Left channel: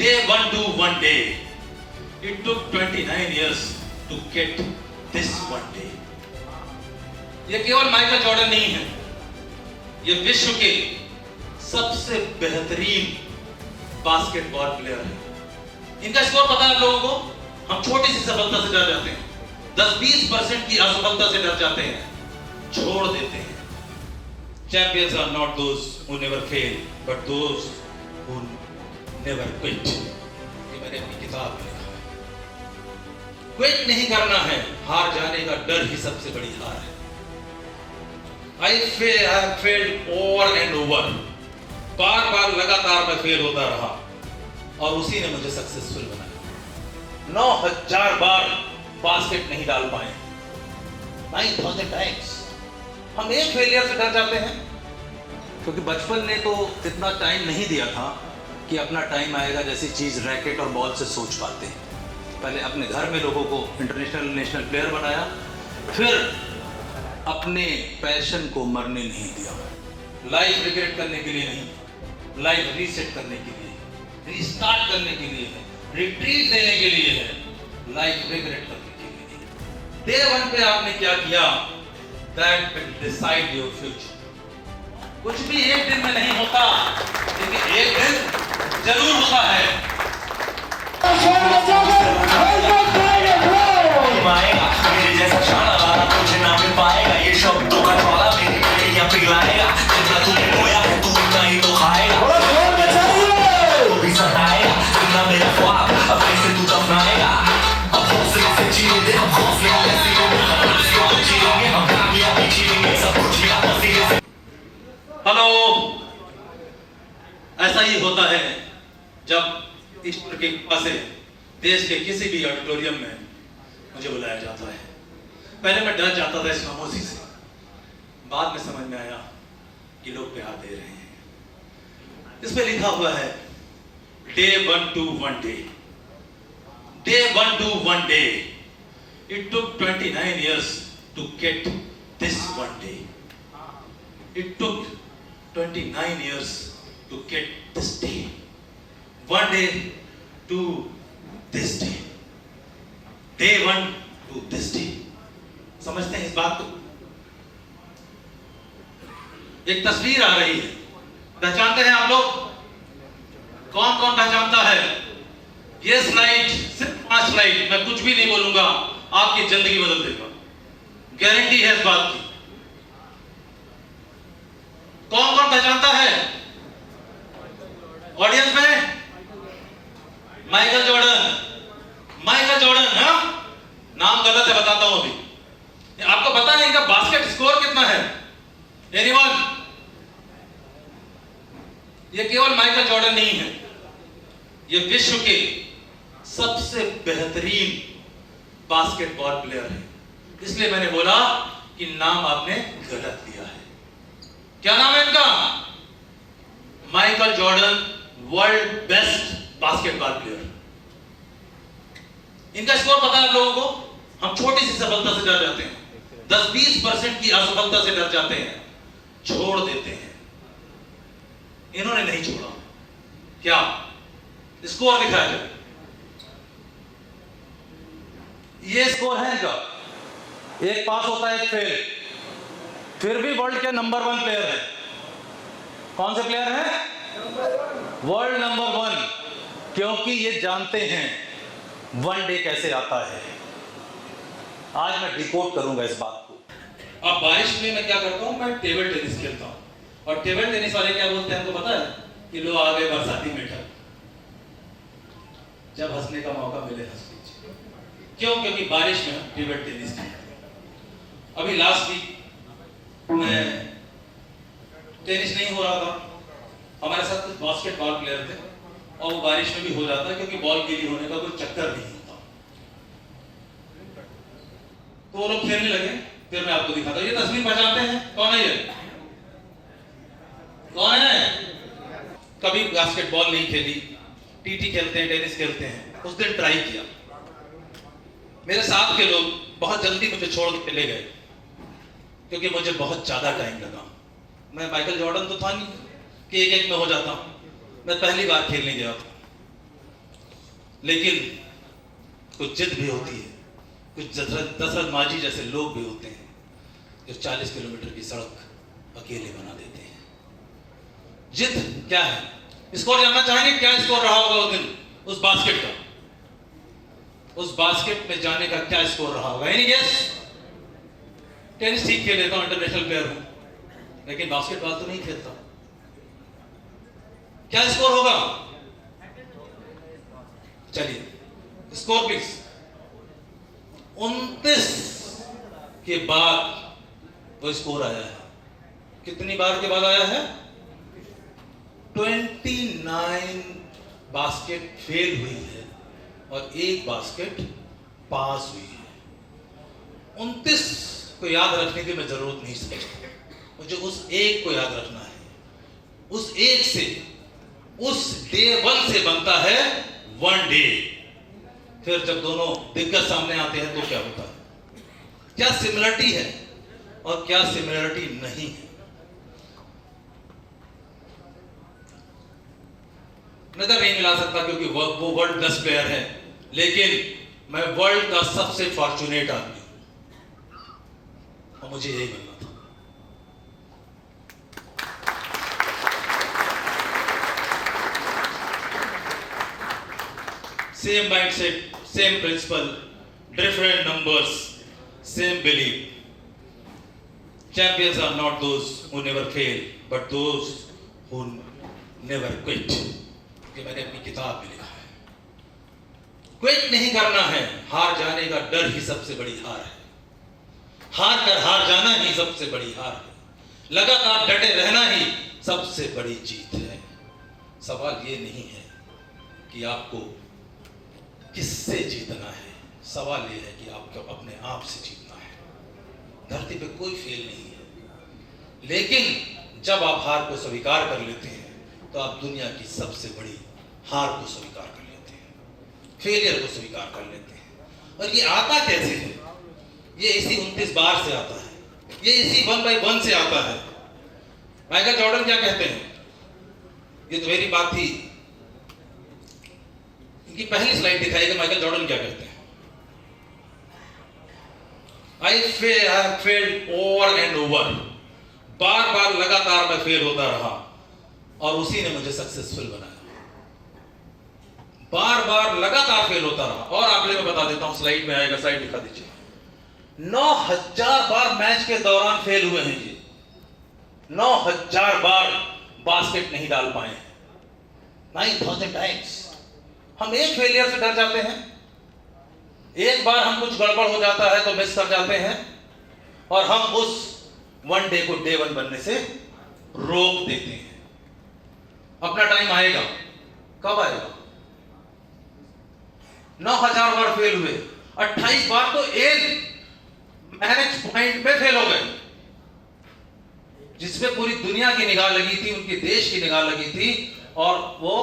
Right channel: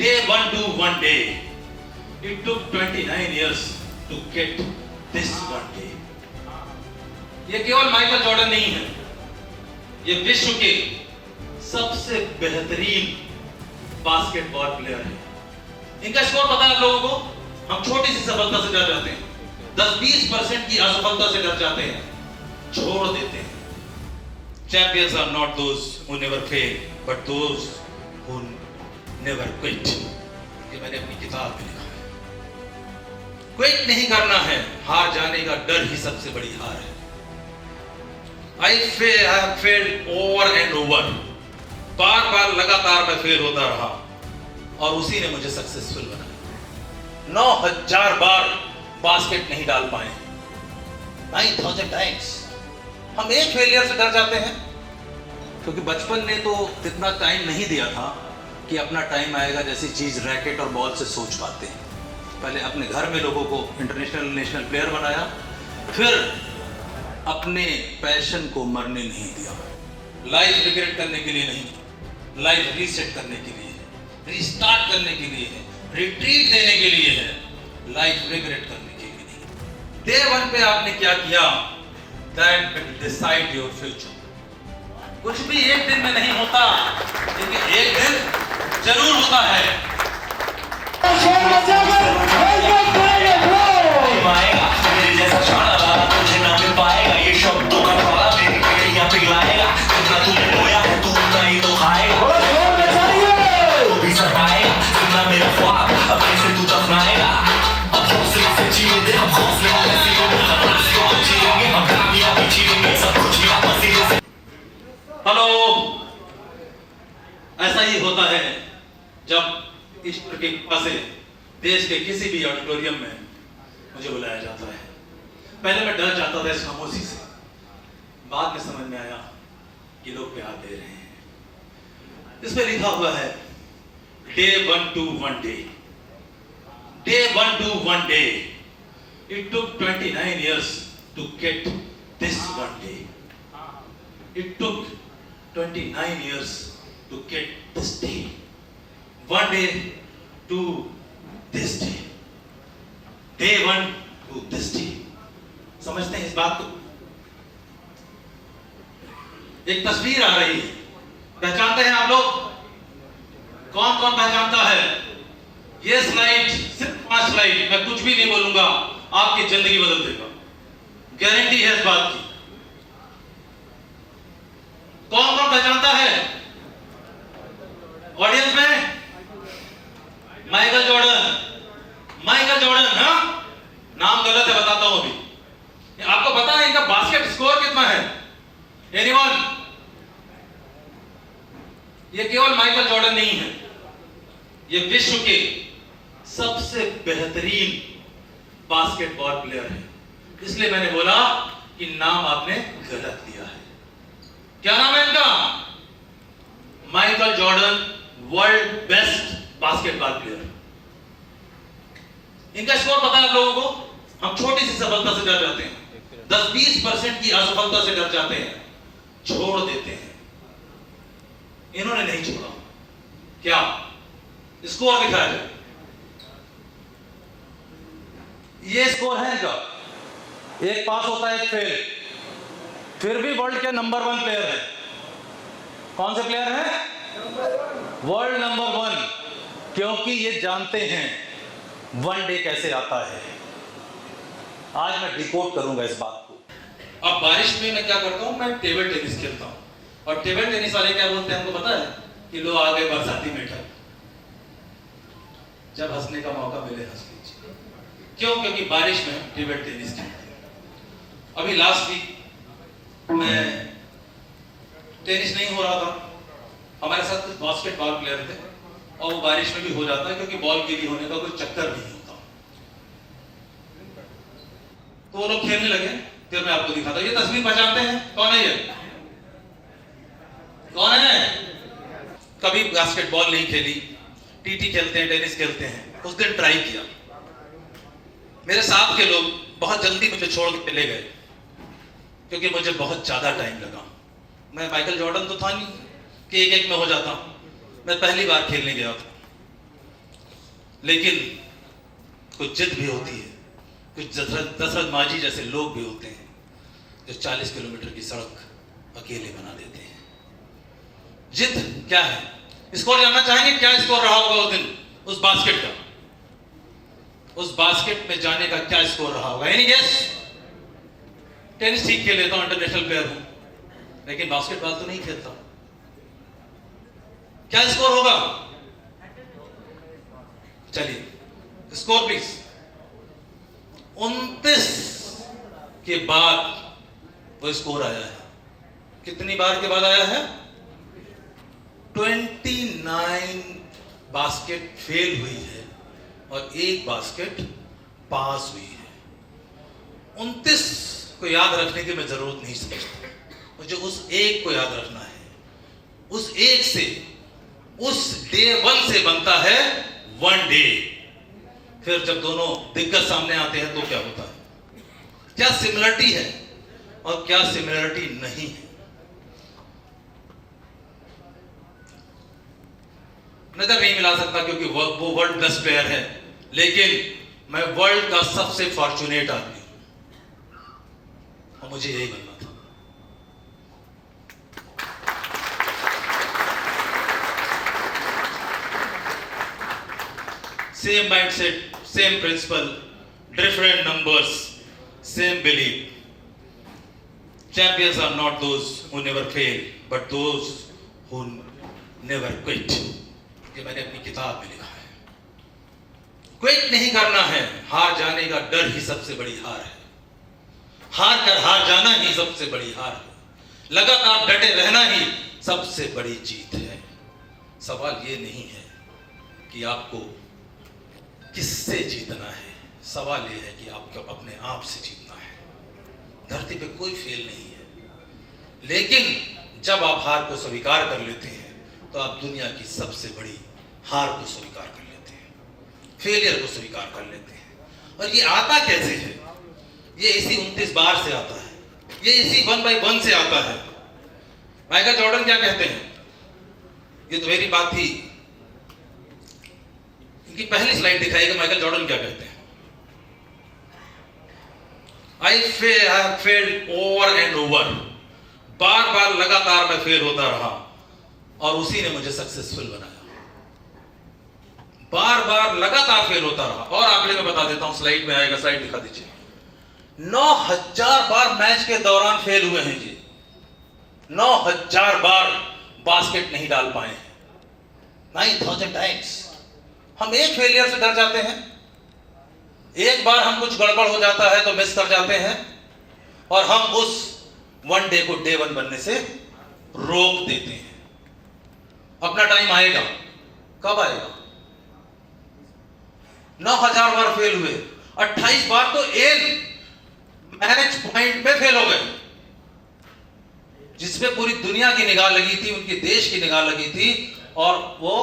Day one to one day. It took 29 years to get this one day. ये केवल Michael Jordan नहीं है, ये विश्व के सबसे बेहतरीन बास्केटबॉल प्लेयर है। इनका स्कोर पता है आप लोगों को? हम छोटी सी सफलता से डर जाते हैं, 10-20% की असफलता से डर जाते हैं, छोड़ देते हैं। Champions are not those who never fail, but those who never quit. ये मैंने अपनी किताब में लिखा है। क्विट नहीं करना है, हार जाने का डर ही सबसे बड़ी हार है। I have failed over and over. बार बार लगातार मैं फेल होता रहा और उसी ने मुझे सक्सेसफुल बनाया। 9000 बार बास्केट नहीं डाल पाए, 9000 टाइम्स। हम एक फेलियर से डर जाते हैं क्योंकि बचपन ने तो इतना टाइम नहीं दिया था कि अपना टाइम आएगा जैसी चीज रैकेट और बॉल से सोच पाते हैं। पहले अपने घर में लोगों को इंटरनेशनल नेशनल प्लेयर बनाया, फिर अपने पैशन को मरने नहीं दिया। लाइफ रिग्रेट करने के लिए नहीं, लाइफ रीसेट करने के लिए, रीस्टार्ट करने के लिए है, रिट्रीट देने के लिए है, लाइफ रिग्रेट करने के लिए नहीं। डे वन पे आपने क्या किया, that will decide your future. कुछ भी एक दिन में नहीं होता, लेकिन एक दिन जरूर होता है। हेलो, ऐसा ही होता है जब ईश्वर की कृपा से देश के किसी भी ऑडिटोरियम में मुझे बुलाया जाता है। पहले मैं डर जाता था इस खामोशी से, बाद में समझ में आया कि लोग प्यार दे रहे हैं। इस पे लिखा हुआ है Day one to one day. Day one to one day. It took 29 years to get this one day. It took 29 years to get this day. One day to this day. Day one to this day. समझते हैं इस बात को? एक तस्वीर आ रही है, पहचानते हैं आप लोग? कौन कौन पहचानता है? ये स्लाइड, सिर्फ 5 स्लाइड, मैं कुछ भी नहीं बोलूंगा, आपकी जिंदगी बदल देगा, गारंटी है इस बात की। कौन कौन पहचानता है ऑडियंस में? Michael Jordan, Michael Jordan. हाँ, नाम गलत है, बताता हूं अभी। आपको पता है इनका बास्केट स्कोर कितना है? एनीवन? ये केवल माइकल जॉर्डन नहीं है, ये विश्व के सबसे बेहतरीन बास्केटबॉल प्लेयर है। इसलिए मैंने बोला कि नाम आपने गलत दिया है। क्या नाम है इनका? Michael Jordan, world best basketball player. इनका स्कोर पता है आप लोगों को? हम छोटी सी सफलता से डर जाते हैं, 10-20% की असफलता से डर जाते हैं, छोड़ देते हैं। इन्होंने नहीं छोड़ा। क्या स्कोर दिखाया जाए? ये स्कोर है इनका, एक पास होता है, एक फेल, फिर भी वर्ल्ड के नंबर 1 प्लेयर है। कौन से प्लेयर है? वर्ल्ड नंबर 1, क्योंकि ये जानते हैं वन डे कैसे आता है। आज मैं डिकोड करूंगा इस बात को। अब बारिश में मैं क्या करता हूं, मैं टेबल टेनिस खेलता हूं, और टेबल टेनिस वाले क्या बोलते हैं हमको पता है? कि लो आ गए बरसाती मीठा, जब हंसने का मौका मिले हंस लीजिए। क्यों? क्योंकि बारिश में हम टेबल टेनिस खेलते हैं। अभी लास्ट वीक मैं टेनिस नहीं हो रहा था, हमारे साथ कुछ बास्केटबॉल प्लेयर थे, और वो बारिश में भी हो जाता है क्योंकि बॉल गीली होने का कोई चक्कर नहीं होता। तो वो लोग खेलने लगे, फिर मैं आपको दिखाता हूं। ये तस्वीर पहचानते हैं? कौन है ये? कौन है? कभी बास्केटबॉल नहीं खेली, टीटी खेलते हैं, टेनिस खेलते हैं। उस दिन ट्राई किया, मेरे साथ के लोग बहुत जल्दी मुझे छोड़ के चले गए क्योंकि मुझे बहुत ज्यादा टाइम लगा। मैं माइकल जॉर्डन तो था नहीं कि एक में हो जाता। मैं पहली बार खेलने गया था, लेकिन कुछ जिद भी होती है, कुछ दशरथ मांझी जैसे लोग भी होते हैं जो 40 किलोमीटर की सड़क अकेले बना देते हैं। जिद क्या है? स्कोर जानना चाहेंगे? क्या स्कोर रहा होगा उस दिन उस बास्केट का? उस बास्केट में जाने का क्या स्कोर रहा होगा? Any guess? टेनिस ठीक खेल लेता हूं, इंटरनेशनल प्लेयर हूं, लेकिन बास्केटबॉल तो नहीं खेलता। क्या स्कोर होगा? चलिए स्कोर प्लीज। 29 के बाद वो स्कोर आया है। कितनी बार के बाद आया है? 29 बास्केट फेल हुई है और एक बास्केट पास हुई है। 29 को याद रखने की मैं जरूरत नहीं समझता, मुझे उस एक को याद रखना है। उस एक से, उस डे 1 से बनता है वन डे। फिर जब दोनों दिग्गज सामने आते हैं तो क्या होता है? क्या सिमिलरिटी है और क्या सिमिलरिटी नहीं है? नजर नहीं मिला सकता क्योंकि वो वर्ल्ड बेस्ट प्लेयर है, लेकिन मैं वर्ल्ड का सबसे फॉर्चुनेट आदमी हूं और मुझे यही बनना था। Same mindset, same principle, different numbers, same believe. Champions are not those who never fail but those who never quit. ये मैंने अपनी किताब में लिखा है। क्विट नहीं करना है, हार जाने का डर ही सबसे बड़ी हार है। हार कर हार जाना ही सबसे बड़ी हार है। लगातार डटे रहना ही सबसे बड़ी जीत है। सवाल ये नहीं है कि आपको किससे जीतना है, सवाल यह है कि आपको अपने आप से जीतना है। धरती पे कोई फेल नहीं है, लेकिन जब आप हार को स्वीकार कर लेते हैं तो आप दुनिया की सबसे बड़ी हार को स्वीकार कर लेते हैं, फेलियर को स्वीकार कर लेते हैं। और ये आता कैसे है? ये इसी 29 बार से आता है, ये इसी 1 by 1 से आता है। माइकल जॉर्डन क्या कहते हैं? ये तो मेरी बात थी, इनकी पहली स्लाइड दिखाएगा। माइकल जॉर्डन क्या कहते हैं? I have failed over and over। बार बार लगातार मैं फेल होता रहा और उसी ने मुझे सक्सेसफुल बनाया। बार बार लगातार फेल होता रहा। और आंकड़े में बता देता हूं, स्लाइड में आएगा, स्लाइड दिखा दीजिए। 9000 बार मैच के दौरान फेल हुए हैं जी। 9000 बार बास्केट नहीं डाल पाए हैं। 9000 टाइम्स। हम एक फेलियर से डर जाते हैं, एक बार हम कुछ गड़बड़ हो जाता है तो मिस कर जाते हैं और हम उस वन डे को डे 1 बनने से रोक देते हैं। अपना टाइम आएगा। कब आएगा? 9000 बार फेल हुए, 28 बार तो एक मैच पॉइंट पे फेल हो गए, जिसमें पूरी दुनिया की निगाह लगी थी, उनके देश की निगाह लगी थी और वो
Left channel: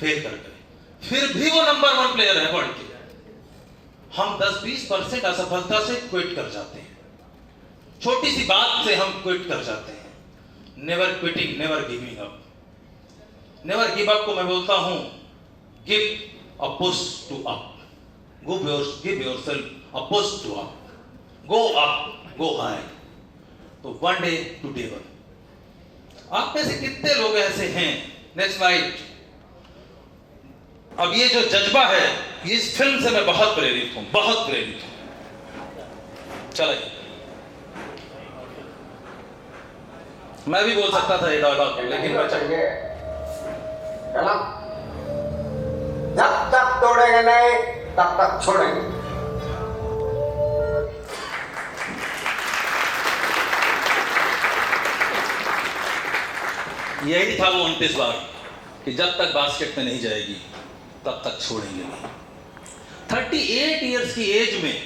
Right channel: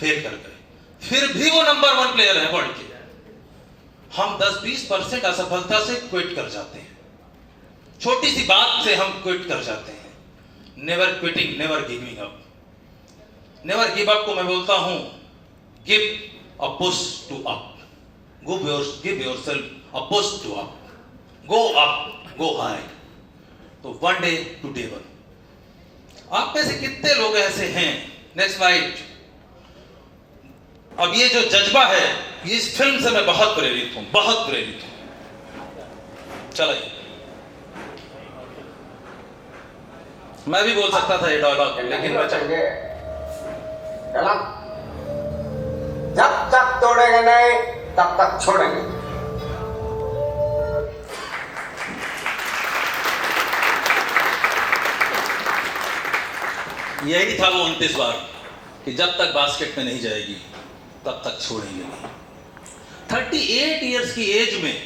फेल कर गए। फिर भी वो नंबर 1 प्लेयर है वर्ल्ड के। हम 10-20% असफलता से क्विट कर जाते हैं, छोटी सी बात से हम क्विट कर जाते हैं। Never quitting, never giving up. Never give up को मैं बोलता हूं give a push to up. Give yourself a push to up. Go up, go high. तो वन डे टू डे 1। आप में से कितने लोग ऐसे हैं? Next slide. अब ये जो जज्बा है, इस फिल्म से मैं बहुत प्रेरित हूं, बहुत प्रेरित हूं। चलिए, मैं भी बोल सकता था ये डायलॉग, लेकिन मैं जब तक तोड़ेंगे नहीं तब तक छोड़ेंगे। यही था वो 29 बार कि जब तक बास्केट में नहीं जाएगी तब तक छोड़ेंगे नहीं। 38 इयर्स की एज में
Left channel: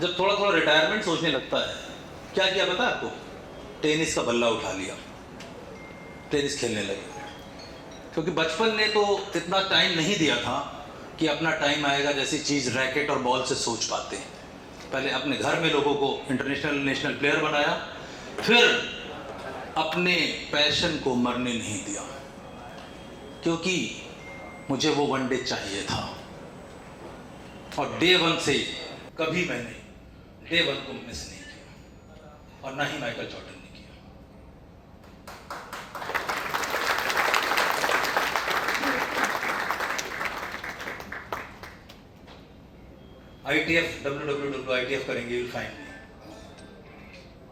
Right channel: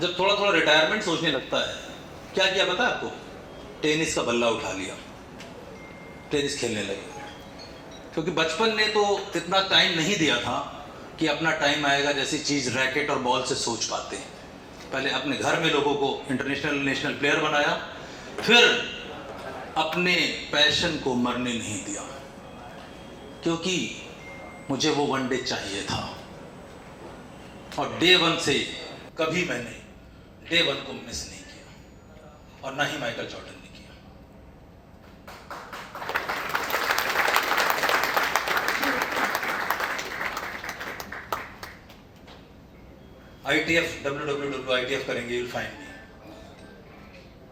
जब थोड़ा थोड़ा रिटायरमेंट सोचने लगता है, क्या किया पता है आपको? टेनिस का बल्ला उठा लिया, टेनिस खेलने लगे। क्योंकि बचपन ने तो इतना टाइम नहीं दिया था कि अपना टाइम आएगा जैसी चीज़ रैकेट और बॉल से सोच पाते हैं। पहले अपने घर में लोगों को इंटरनेशनल नेशनल प्लेयर बनाया, फिर अपने पैशन को मरने नहीं दिया। क्योंकि मुझे वो वनडे चाहिए था, और डे वन से कभी मैंने डे वन को मिस नहीं किया, और ना ही माइकल जॉर्डन ने किया। ITF WWF करेंगे, you'll find me।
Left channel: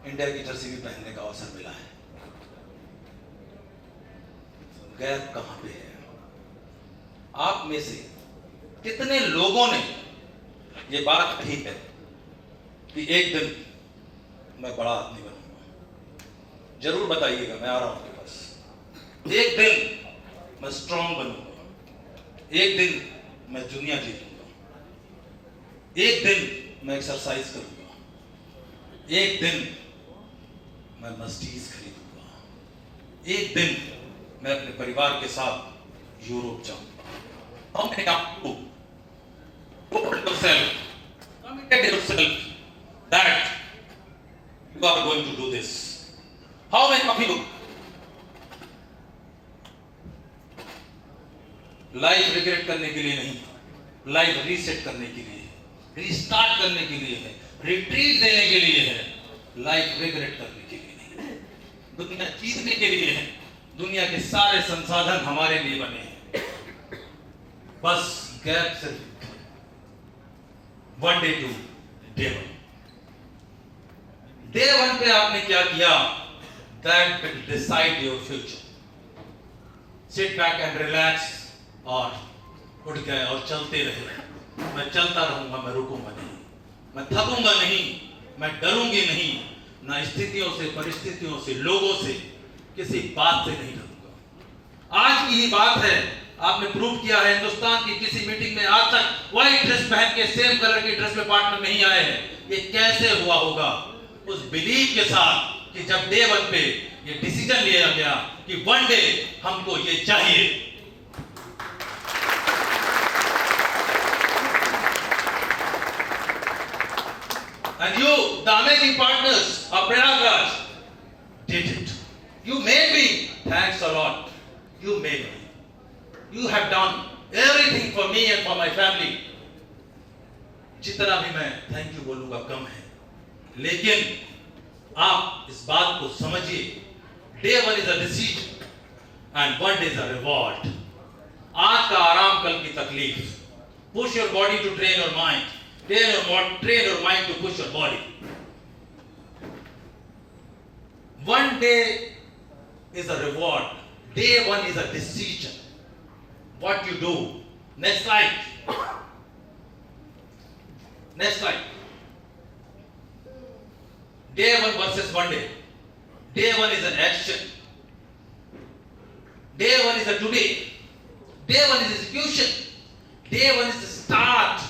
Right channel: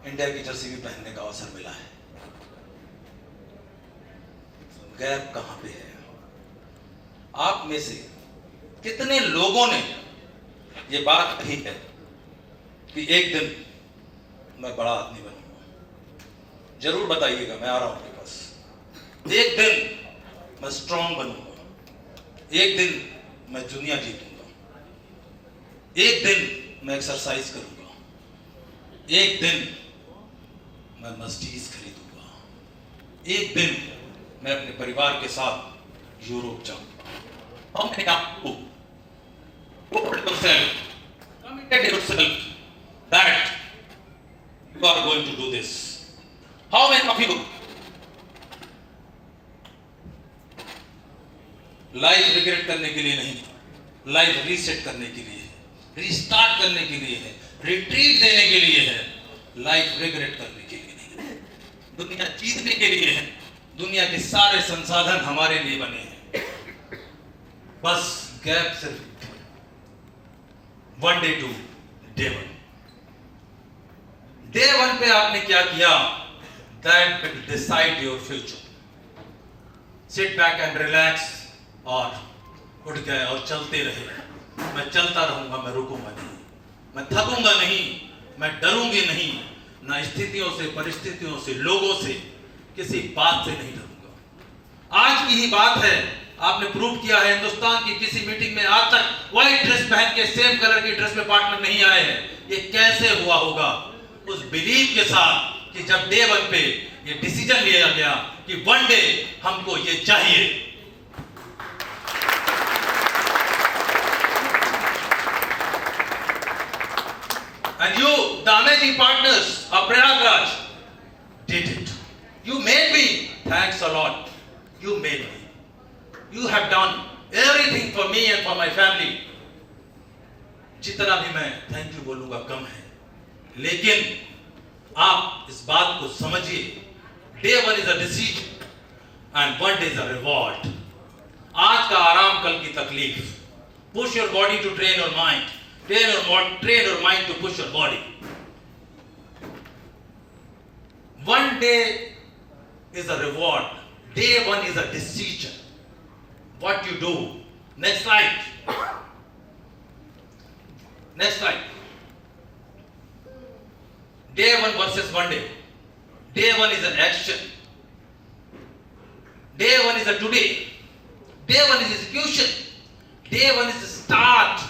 इंडिया की जर्सी भी पहनने का अवसर मिला है। गैप कहां पे है? आप में से कितने लोगों ने ये बात कही है कि एक दिन मैं बड़ा आदमी बनूंगा? जरूर बताइएगा, मैं आ रहा हूं आपके पास। एक दिन मैं स्ट्रांग बनूंगा, एक दिन मैं दुनिया जीतूंगा, एक दिन मैं एक्सरसाइज करूंगा, एक दिन मैं मर्सिडीज खरीदूंगा, एक दिन मैं अपने परिवार के साथ यूरोप जाऊंगा। How many of you told yourself, committed yourself that you are going to do this? How many of you? Life regret करने के लिए नहीं, लाइफ रीसेट करने के लिए है, रीस्टार्ट करने के लिए है, रिट्रीट देने के लिए है, लाइफ रिग्रेट करने के लिए नहीं। दुनिया जीतने के लिए है, दुनिया के सारे संसाधन हमारे लिए बने हैं, बस गैप सिर्फ one day to day one. Day one पे आपने क्या किया? That will decide your future. Sit back and relax और उठ गए और चलते रहे। मैं चलता रहूंगा, मैं रुकूंगा नहीं, मैं थकूंगा नहीं, मैं डरूंगी नहीं, ना स्थितियों से, परिस्थितियों से, लोगों से, किसी बात से नहीं डरूंगा। आज की ही बात है, आपने प्रूव किया है, हिंदुस्तान की किसी मीटिंग में आज तक व्हाइट ड्रेस पहन के सेम कलर की ड्रेस में पार्टनर नहीं आए हैं। ये कैसे हुआ होगा? उस बिलीव के साथ कि जब डे वन पे ये डिसीजन लिया गया कि वन डे हमको ये चाहिए। And you, the amazing partners of Prayagraj, did it. You made me. Thanks a lot. You made me. You have done everything for me and for my family. जितना भी मैं thank you बोलूंगा कम है, लेकिन आप इस बात को समझिए, day one is a decision and one day is a reward. आज का आराम, कल की तकलीफ। Push your body to train your mind, train your mind to push your body. One day is a reward. Day one is a decision. What you do. Next slide. Next slide. Day one versus one day. Day one is an action. Day one is a today. Day one is execution. Day one is the start.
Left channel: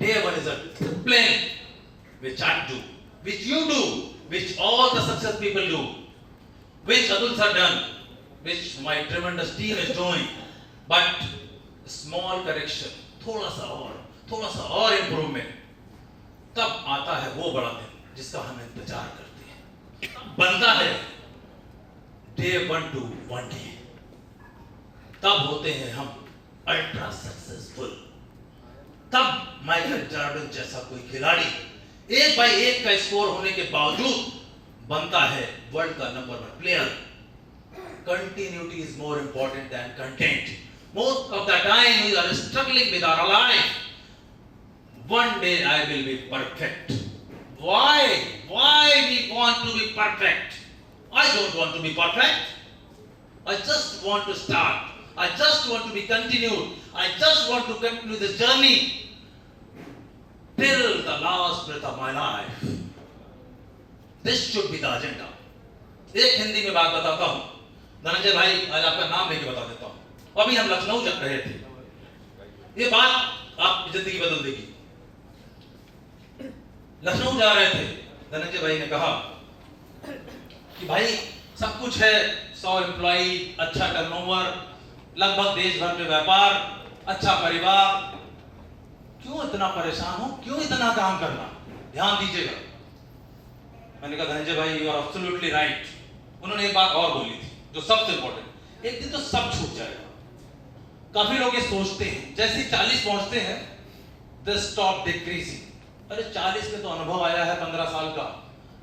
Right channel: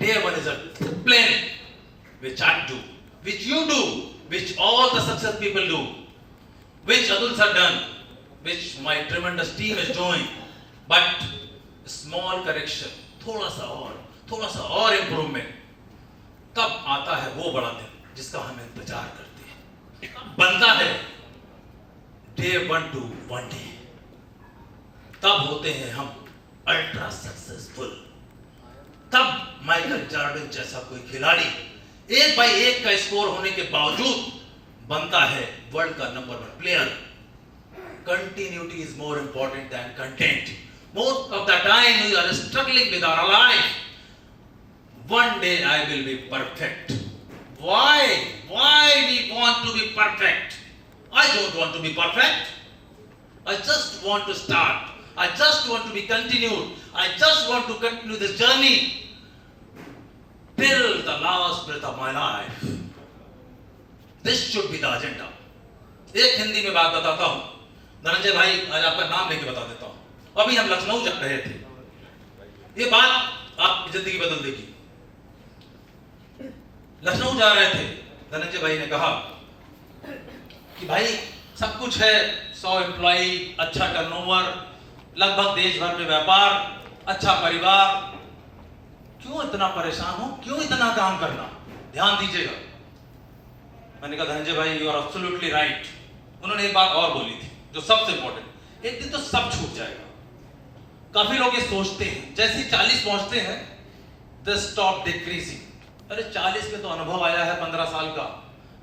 Day one is a discipline which I do, which you do, which all the success people do, which others have done, which my tremendous team is doing. But small correction, थोड़ा सा और improvement, तब आता है वो बड़ा दिन जिसका हम इंतजार करते हैं। तब बनता है day one to one day। तब होते हैं हम अल्ट्रा सक्सेसफुल। तब माइकल जॉर्डन जैसा कोई खिलाड़ी 1 बाई 1 का स्कोर होने के बावजूद बनता है वर्ल्ड का number 1 player. Continuity is more important than content. Most of the time we are struggling with our life. One day I will be perfect. Why we want to be perfect? I don't want to be perfect. I just want to start. I just want to be continued. I just want to continue this journey till the last breath of my life. This should be the agenda. एक हिंदी में बात बताता हूँ, धनंजय भाई आज आपका नाम लेके बता देता हूँ। अभी हम लखनऊ जा रहे थे, ये बात आपकी जिंदगी बदल देगी। लखनऊ जा रहे थे, धनंजय भाई ने कहा कि भाई सब कुछ है, 100 एम्प्लॉई, अच्छा टर्नओवर, लगभग देश भर में व्यापार, अच्छा परिवार, क्यों इतना परेशान हो, क्यों इतना काम करना, ध्यान दीजिएगा। मैंने कहा धनंजय भाई यू आर एब्सोल्युटली राइट। उन्होंने एक बात और बोली थी जो सबसे इंपॉर्टेंट, एक दिन तो सब छूट जाएगा। काफी लोग ये सोचते हैं जैसे 40 पहुंचते हैं द स्टॉप डिक्रीजिंग। अरे 40 में तो अनुभव आया है 15 साल का,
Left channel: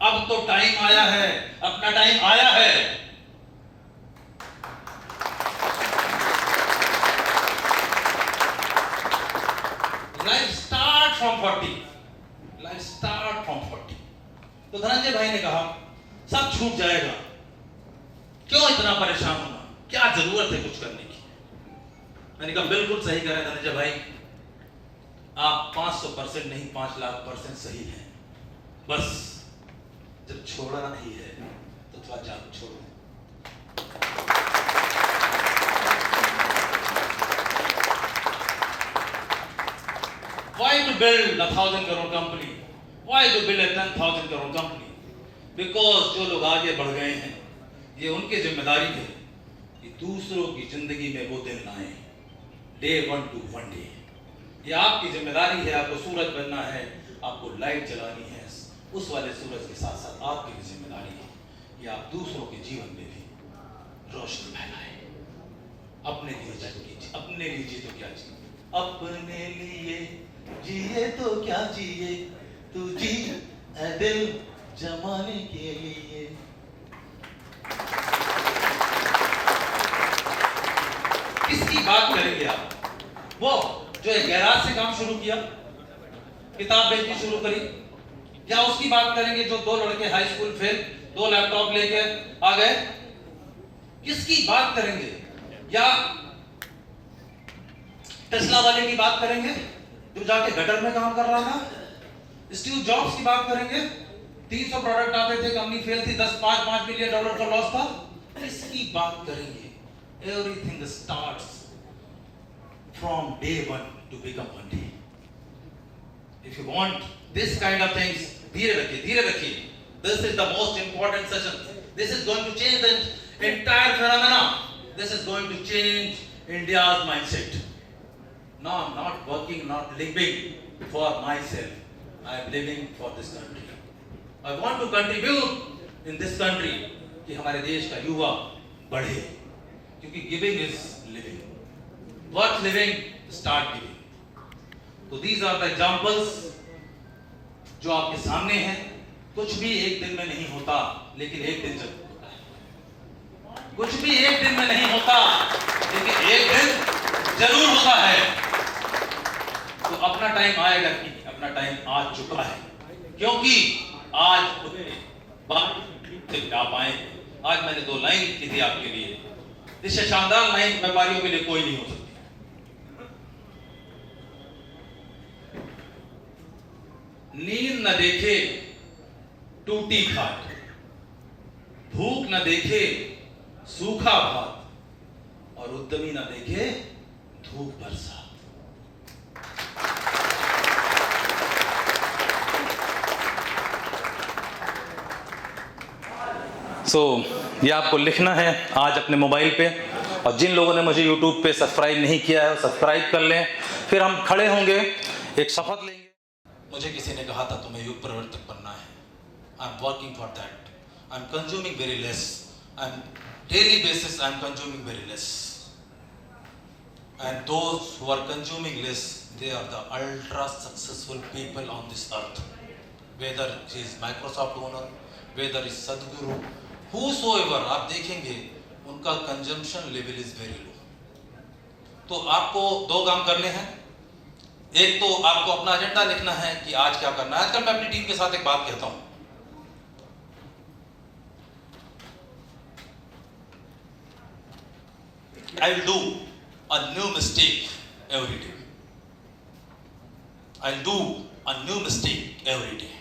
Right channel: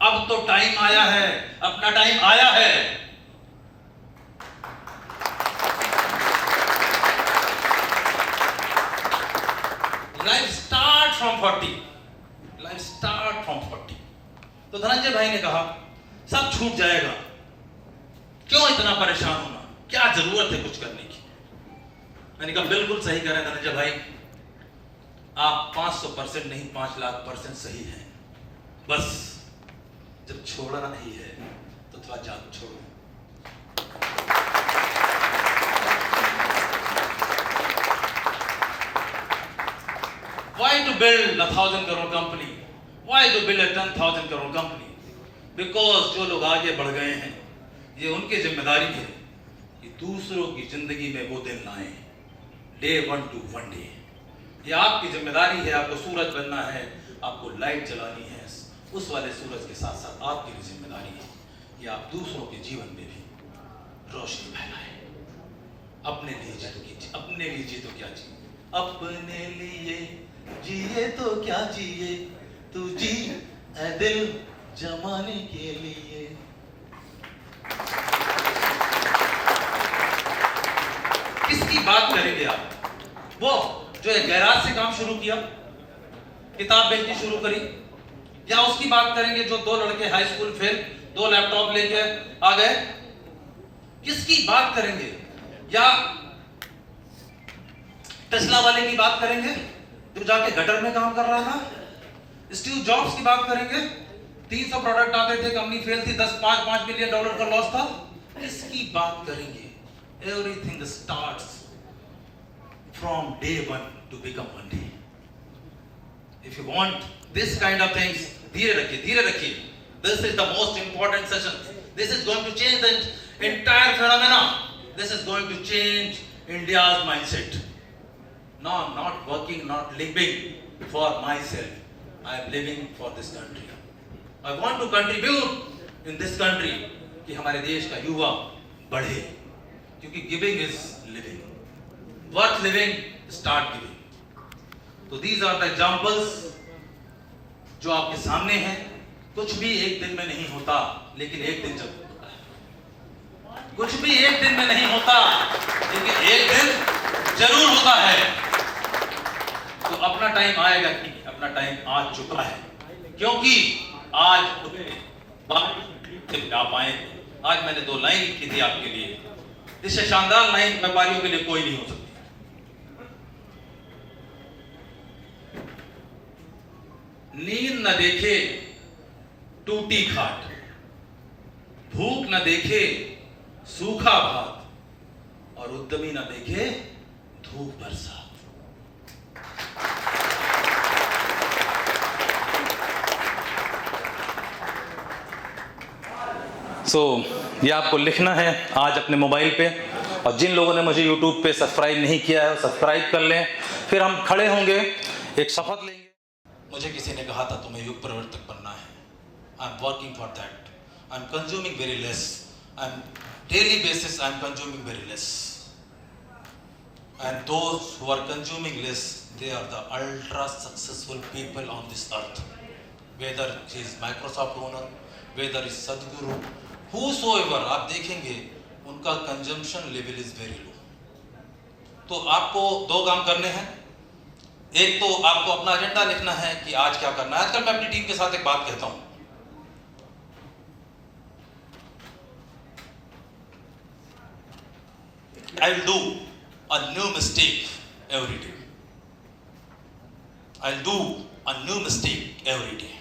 अब तो टाइम आया है, अपना टाइम आया है। Life start from 40, life start from 40। तो धनंजय भाई ने कहा सब छूट जाएगा, क्यों इतना परेशान होना, क्या जरूरत है कुछ करने की। मैंने कहा बिल्कुल सही कह रहे हैं धनंजय भाई, आप 500% नहीं 5,00,000% सही हैं। बस जब छोड़ना ही है तो थोड़ा जान छोड़ो। Why to build a 1,000 crore company? Why to build a 10,000 crore company? Because जो लोग आगे बढ़ गए हैं, ये उनकी जिम्मेदारी है कि दूसरों की जिंदगी में वो दिन लाएं, Day 1 to 1 day। ये आपकी जिम्मेदारी है, आपको सूरज बनना है, आपको लाइट जलानी है, उस वाले सूरज के साथ साथ आपकी भी जिम्मेदारी है कि आप दूसरों के जीवन में भी रोशनी फैलाएं। अपने लिए जिए, अपने लिए जिए तो क्या जिए, अपने लिए जिए तो क्या जिए, तू जी ऐ दिल जमाने के लिए। किसकी बात करेंगे आप? वो जो गैराज से काम शुरू किया, किताब बेचनी शुरू करी, या उसकी बात करेंगे जो 2 लड़के हाई स्कूल फेल 2 लैपटॉप लेके आ गए? किसकी बात करेंगे? या टेस्ला वाले की बात करेंगे जो जाके गटर में काम कर रहा है ना? स्टीव जॉब्स की बात करेंगे, 300 प्रोडक्ट आते थे, कंपनी फेल थी, $5 मिलियन का लॉस था। किसकी बात करेंगे? Everything starts from Day 1 to become 1 day। If you want this kind of things, धीरे रखिए। This is the most important session. This is going to change the entire phenomena. This is going to change India's mindset. No, I'm not working, not living for myself. I am living for this country. I want to contribute in this country कि हमारे देश का युवा बढ़े, क्योंकि giving is living. Worth living, start giving. तो these are the examples जो आपके सामने हैं। कुछ भी एक दिन में नहीं होता, लेकिन एक दिन जरूर होता है। कुछ भी एक दिन में नहीं होता, लेकिन एक दिन जरूर होता है। तो अपना टाइम आएगा कि अपना टाइम आ चुका है, क्योंकि आज आप आए। आज मैंने 2 लाइन लिखी थी आपके लिए, इससे शानदार लाइन व्यापारियों के लिए कोई नहीं हो सकती। नींद न देखे टूटी खाट, भूख न देखे सूखा भात, और उद्यमी न देखे धूप बरसात। ये आपको लिखना है आज अपने मोबाइल पे, और जिन लोगों ने मुझे YouTube पे सब्सक्राइब नहीं किया है सब्सक्राइब कर लें। फिर हम खड़े होंगे, एक शपथ लेंगे। मुझे किसी ने कहा था तुम्हें युग परिवर्तक बनना है। I am working for that. I am consuming very less. I am daily basis I am consuming very less. And those who are consuming less, they are the ultra successful people on this earth. Whether he is Microsoft owner, whether is Sadhguru, whosoever, आप देखेंगे उनका consumption level is very low. तो आपको 2 काम करने हैं। एक तो आपको अपना एजेंडा लिखना है कि आज क्या करना है। आजकल मैं अपनी टीम के साथ एक बात कहता हूं, I will do a new mistake every day. I'll do a new mistake every day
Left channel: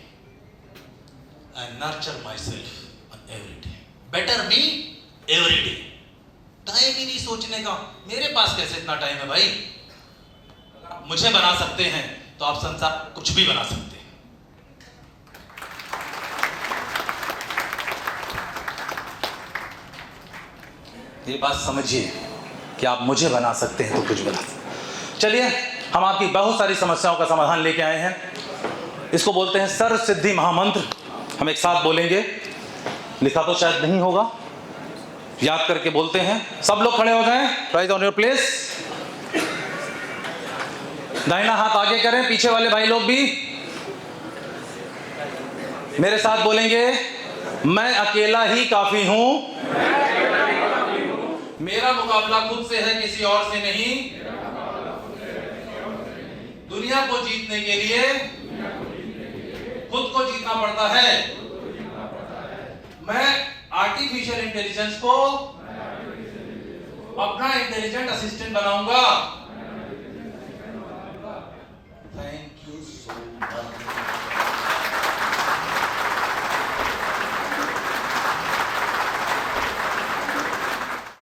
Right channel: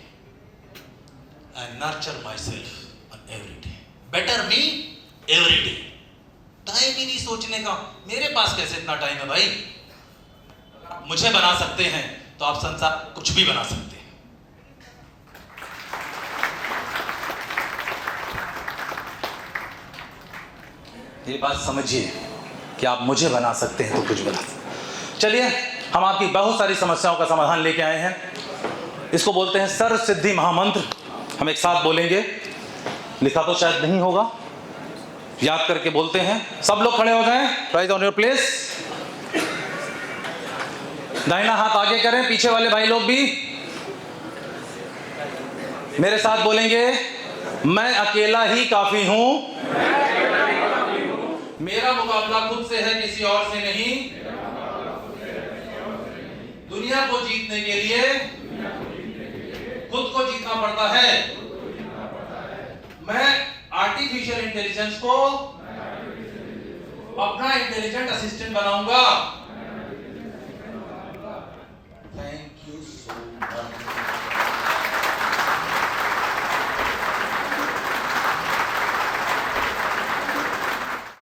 and nurture myself on every day. Better me every day. Time ही नहीं सोचने का। मेरे पास कैसे इतना टाइम है भाई? मुझे बना सकते हैं तो आप संसार कुछ भी बना सकते हैं। ये बात समझिए कि आप मुझे बना सकते हैं तो कुछ बना सकते। चलिए, हम आपकी बहुत सारी समस्याओं का समाधान लेके आए हैं। इसको बोलते हैं सर्व सिद्धि महामंत्र। हम एक साथ बोलेंगे, लिखा तो शायद नहीं होगा, याद करके बोलते हैं। सब लोग खड़े हो जाएं, राइज ऑन योर प्लेस। दाहिना हाथ आगे करें, पीछे वाले भाई लोग भी मेरे साथ बोलेंगे, मैं अकेला ही काफी हूं, मेरा मुकाबला खुद से है, किसी और से नहीं। दुनिया को जीतने के लिए खुद को जीतना पड़ता है। मैं आर्टिफिशियल इंटेलिजेंस को अपना इंटेलिजेंट असिस्टेंट बनाऊंगा।